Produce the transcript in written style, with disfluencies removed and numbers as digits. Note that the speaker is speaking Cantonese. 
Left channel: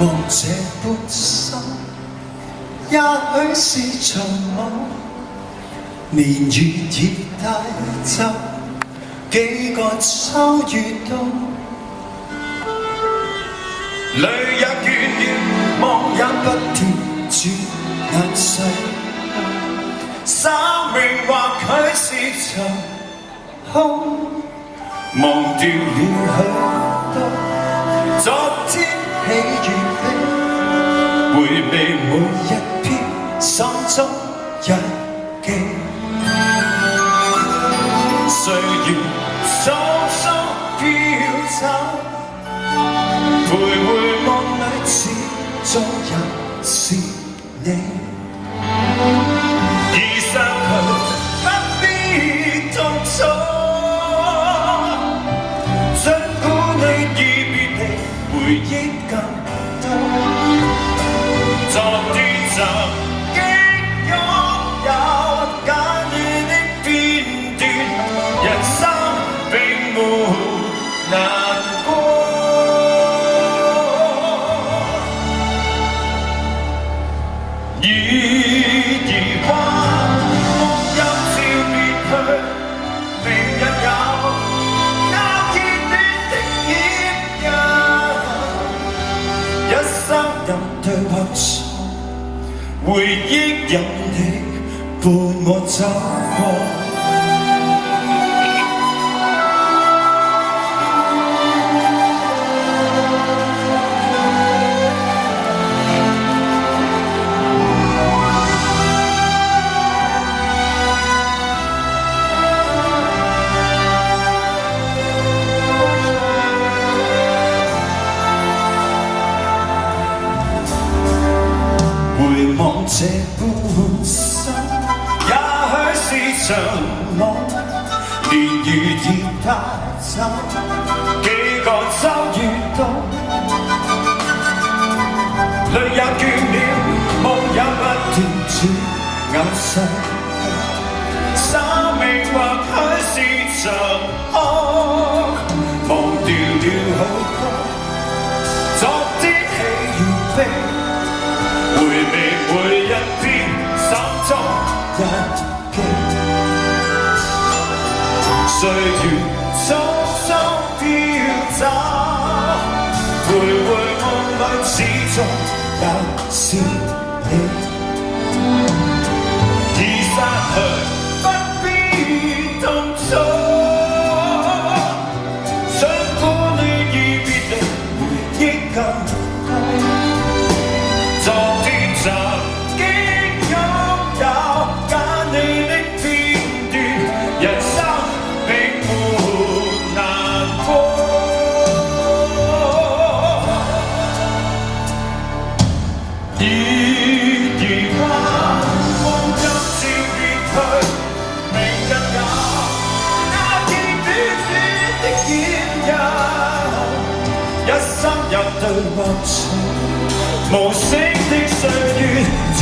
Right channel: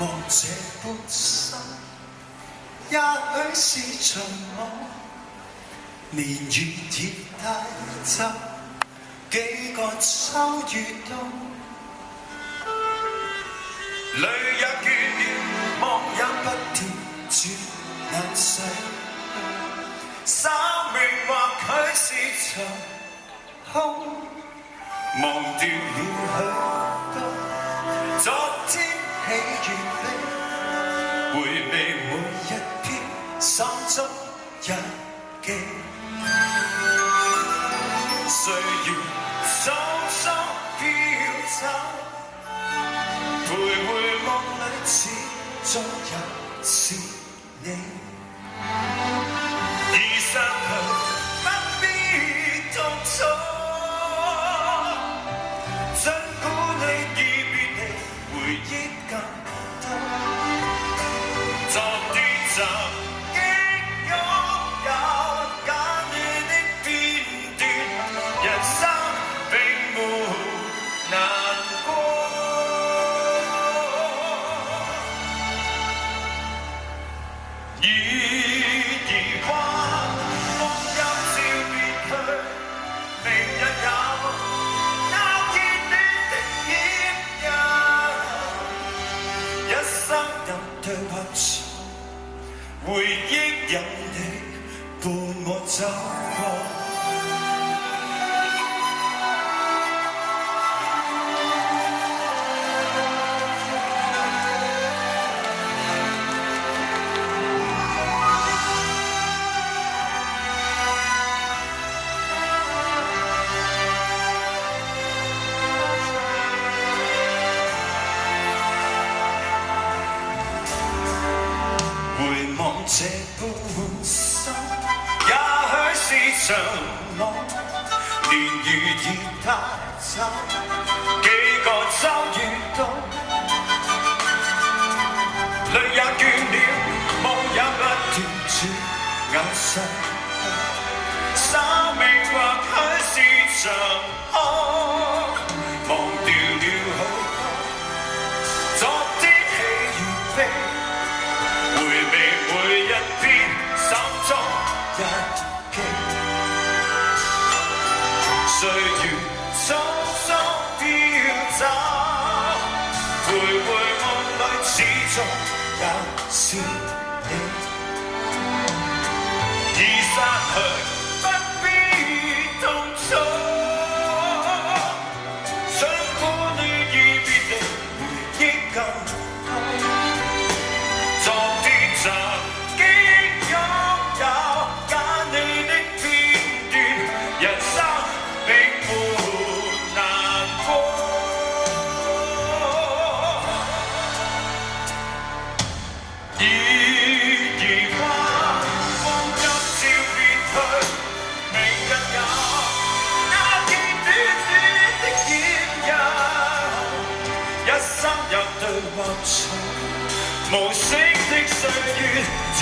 望這般心，也許是場夢，年月已帶走幾個秋與冬，淚也倦了，夢也不斷轉眼逝，生命或許是場空，忘掉了許多昨天喜與悲，回味每一篇心中日記，歲月匆匆飄走，徘徊夢裏始終也是你，已失去不必痛楚，儘管你已別離，回憶更多，昨天曾經擁有簡短的片段，人生並沒難過，已疑惑光陰照別去，明日有那片段的掩印，一生有對或錯，回憶有你伴我走過。回望這般心，也許是場夢，年月已帶走幾個秋與冬，淚也倦了，夢也不斷轉眼逝，生命或許是場空，忘掉了許多昨天喜與悲，回味每一篇心中日記，歲月匆匆飄走，徘徊夢裏始終也是你，已失去不必痛楚，儘管你已別離，回憶更多，昨天曾經擁有簡短的片段，人生並沒難過，已疑惑光陰照別去，明日有那片短短的掩印，一生有對或錯，無聲的歲月。